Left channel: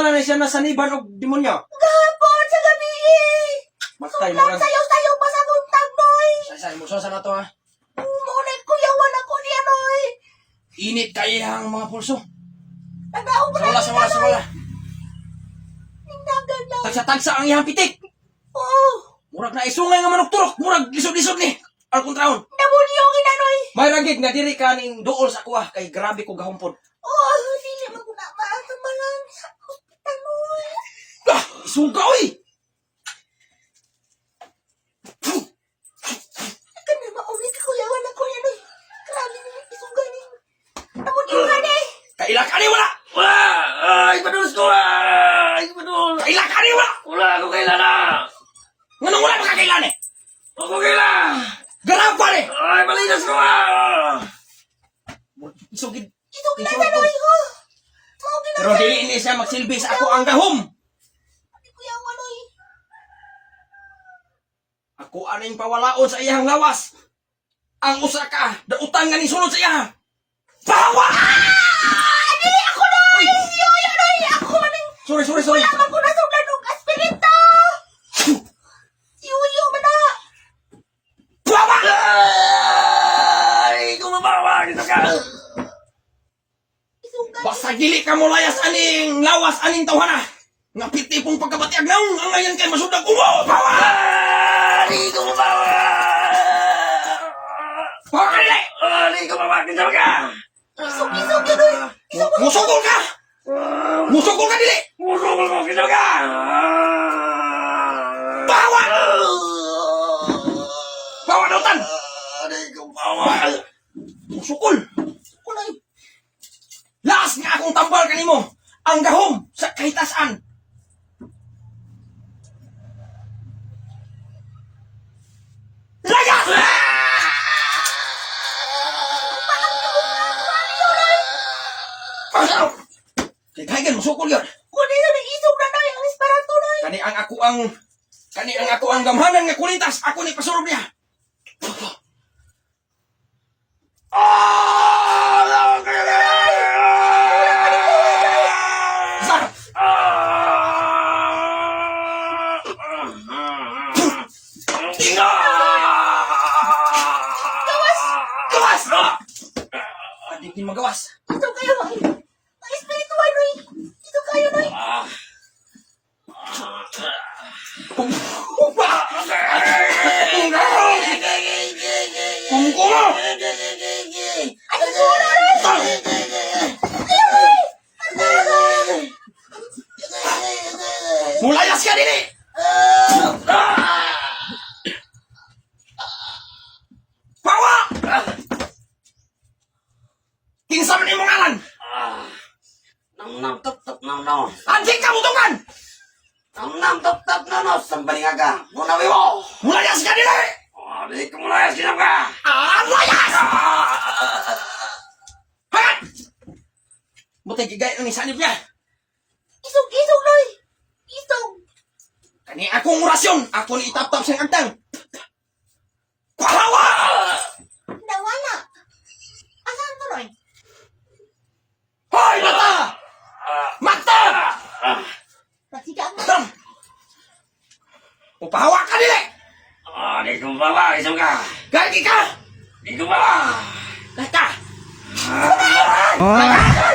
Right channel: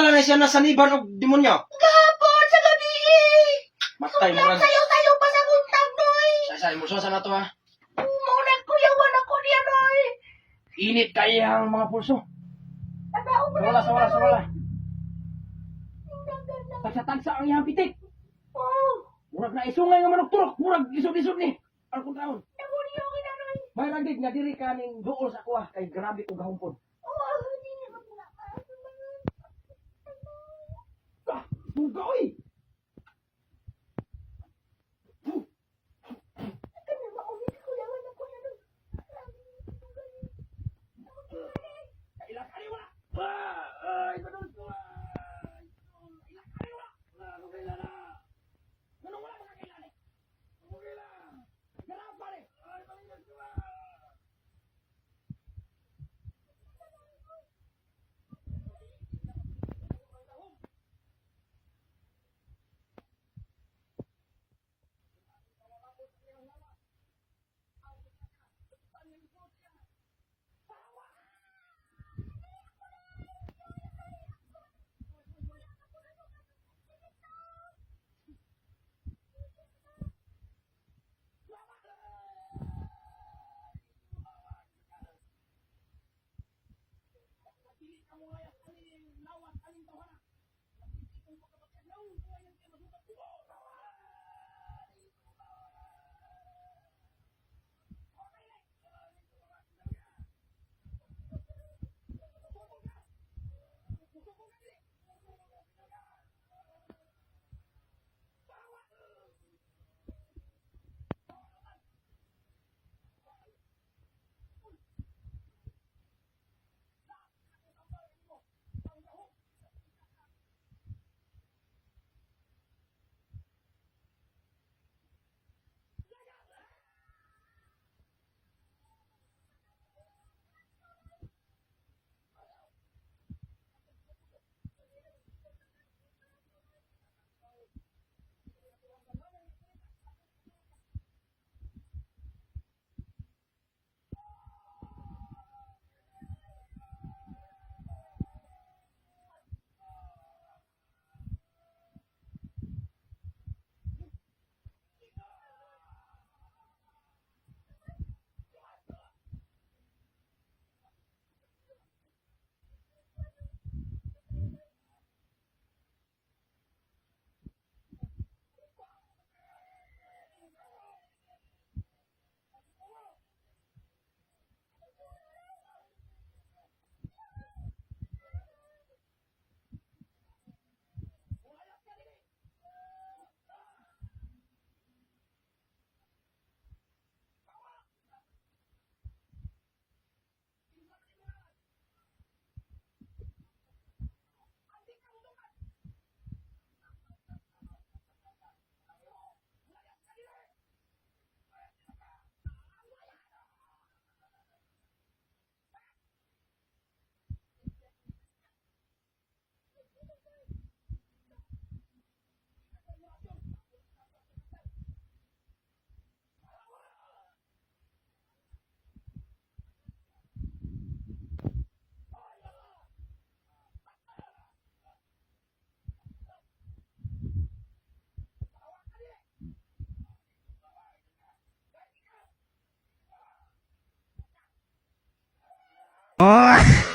Asa lang na siya nasaniban og demonyo? Gapon sa gabi. Matay mo Suklam lang. sayo-sayo pa sa buntag, noy. Say, mo sa na to ha. Umunag kuyawan ako niya, noy. Init kaya ang mga pulso. Nagaw ko Sa wala. Naganda. Tagsa-tagsa ang iyang pitik. Oh, Murag na isungay nga manok turok. Murag lisod-lisod ni. Alkontraon. nabunyo kinanoy. May ragig nga diri ka ning duol sa kuha kay grabe ko gahumpod. Oh, dili man ko na maasamalan sa hospital, noy. Ah, suga oy. Kana maumit kuyawan ako niya, noy. Grabe niya isugan ni. Nabunyo nga ni. Kaila ka ni wala. Wala! Ay, padulos ko! Ay, padulos! Kaila ka ni wala. Wala ako kailana! Nganong wala ka kailan eh? Ako kaila! Garap pa ni. Ay, malinas ko! Isugid. Isugid na, noy. Oh. Mao Pero dili ini siya magsilbi sa ako ang gahom. kuyawan, noy. Ako aning pawalaon sa iyang lawas. Ang usa ka, dautang nga ni sulod sa iya. Bawa! Dili ako, noy. Yoyo, noy. Ako maning Sorry. wala man ko nasugdan og espiritu. Yoyo man na. Bawa! Ay, kumabawa! Dito ka! Isugan. Basta dili ka mo layas aning lawas aning tawhana. Nga piti pong pagkabatiag naong ang ngayon kay masudag umo. Bawa! Ay, kumabawa! Bawa ka nila! Ay, kumabawa! Dito ka! Isog yun, noy. Musugol ka! Musugol ka dili! Musukol ko! Dito ka! Bawa! Bawa dautan! Ay, kumabawa! Musukol! Kulay! Laas nga akong tambal kanimo! Ang gahom sa kahitasan! Layas! Kaya musukol yun! Kunin na may isog na, noy. Ang espiritu, noy. Kani ang ako ang gamhanan nga kulitas, ako ni pasurob niya. Sar! Gawas! Adik ni magawas. Ito kayo, noy. Ang espiritu, noy. Ito kayo, noy. Kungkumo! Ay, sura, noy. Mulayas ka dili! Bawa! Kinsa man imong ngalan? Nam tap tap nam no. Anjing kabutungan! Nam tap tap nam no. Sambaling aga. Muna wiwo. Mulayas ka dili! Di ko mula sinap ka. Layas! Hagat! Butay gigay ni sanib niya. Isog, noy. Isog. Kani akong orasyon, ako ni itap-tap siyang agtang. Pahawa! Nawala. Asan to, noy? Hoy, mata! Mata! Nasigaan mo. Tam! Upahawa ka dili! Di ko bawa. Isang ka. Gagi ka! Di ko bawa. Kata! Ah!